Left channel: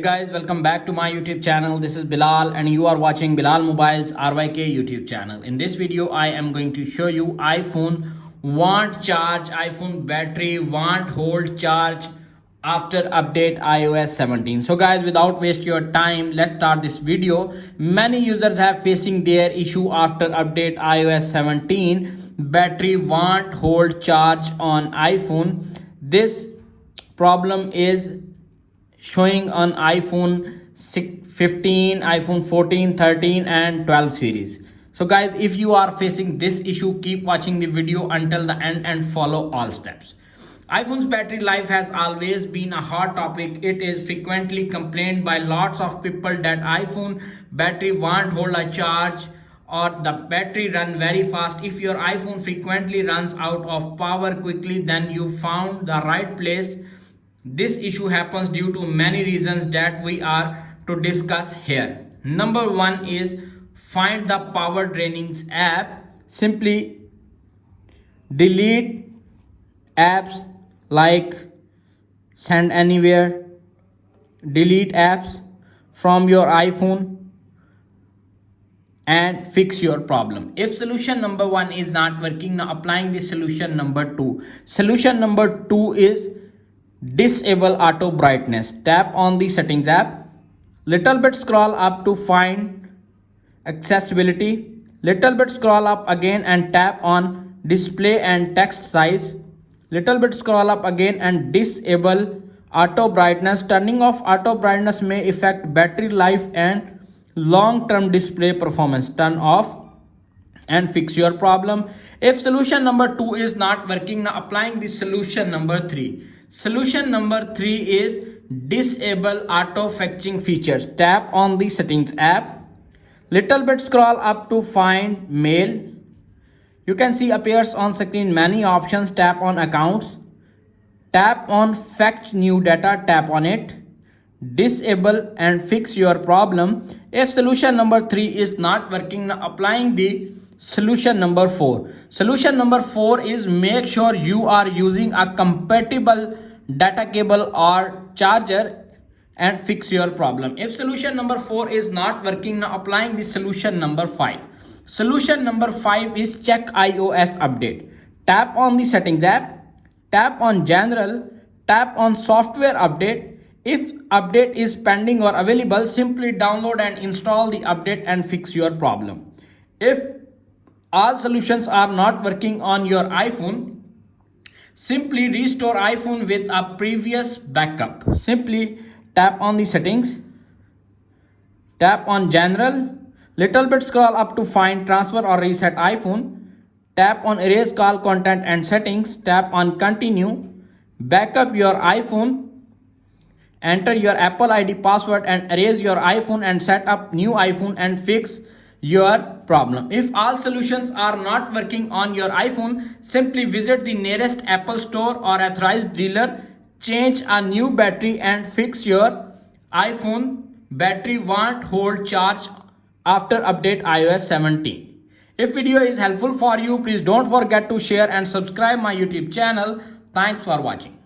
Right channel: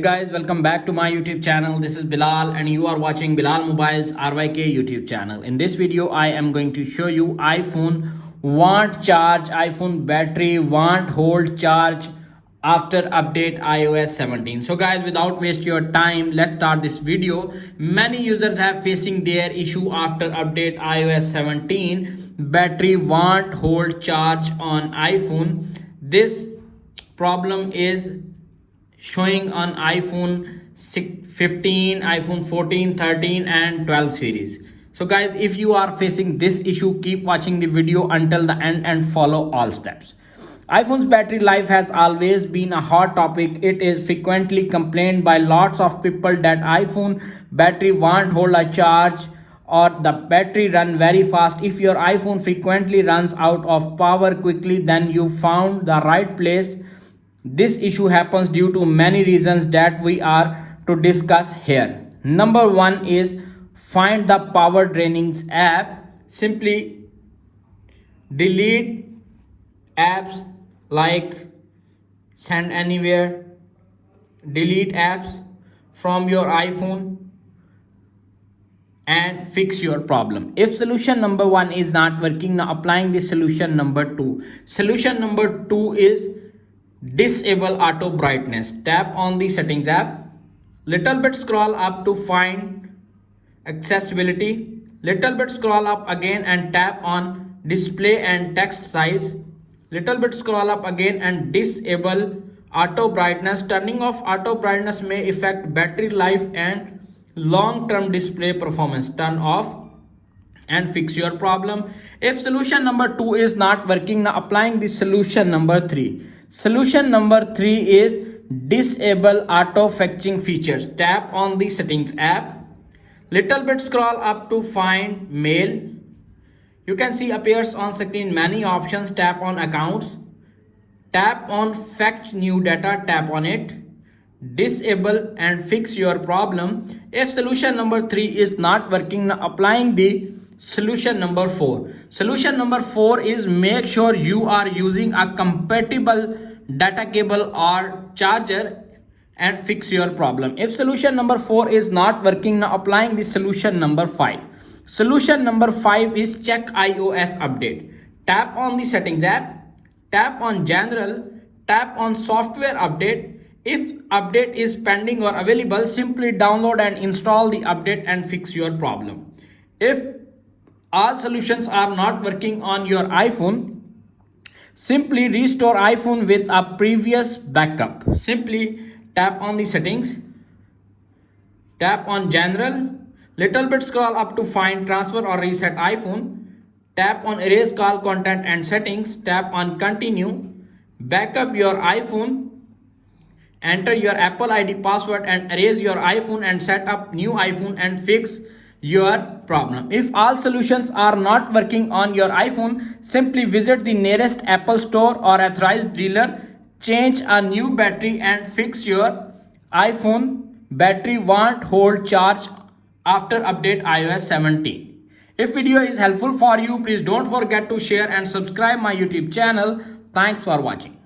Hey guys, welcome back to my YouTube channel. This is Bilal and you are watching Bilal Mobiles RYK YouTube channel. In this video, I am going to show you iPhone Wont Charge, iPhone battery Wont Hold Charge after update iOS 17. So guys, without waste your time, let's start this video. Many users have facing their issue after update iOS 17, battery Wont Hold Charge on iPhone. This problem is showing on iPhone 15, iPhone 14, 13 and 12 series. So guys, if you are facing this issue, keep watching the video until the end and follow all steps. iPhone's battery life has always been a hot topic. It is frequently complained by lots of people that iPhone battery won't hold a charge or the battery run very fast. If your iPhone frequently runs out of power quickly, then you found the right place. This issue happens due to many reasons that we are to discuss here. Number one is find the power draining app. Simply delete apps like Send Anywhere, delete apps from your iPhone and fix your problem. If solution number one is not working, now applying the solution number two. Solution number two is disable auto brightness. Tap on the settings app, little bit scroll up to find accessibility, little bit scroll up again and tap on display and text size, little bit scroll up again and disable auto brightness. Turning off auto brightness may affect battery life and long-term display performance. Turn off and fix your problem. If solution number two is not working, now applying the solution number three. Solution number three is disable auto fetching features. Tap on the settings app, little bit scroll up to find mail. You can see appears on screen many options. Tap on accounts, tap on fetch new data, tap on it, disable and fix your problem. If solution number three is not working, now applying the solution number four. Solution number four is make sure you are using a compatible data cable or charger and fix your problem. If solution number four is not working, now applying the solution number five. Solution number five is check iOS update. Tap on the settings app, tap on general, tap on software update. If update is pending or available, simply download and install the update and fix your problem. If all solutions are not working on your iPhone, simply restore iPhone with a previous backup. Simply tap on the settings, tap on general, little bit scroll up to find transfer or reset iPhone, tap on erase call content and settings, tap on continue, backup your iPhone, enter your Apple ID password and erase your iPhone and set up new iPhone and fix your problem. If all solutions are not working on your iPhone, simply visit the nearest Apple store or authorized dealer, change a new battery and fix your iPhone battery won't hold charge after update iOS 17. If video is helpful for you, please don't forget to share and subscribe my YouTube channel. Thanks for watching.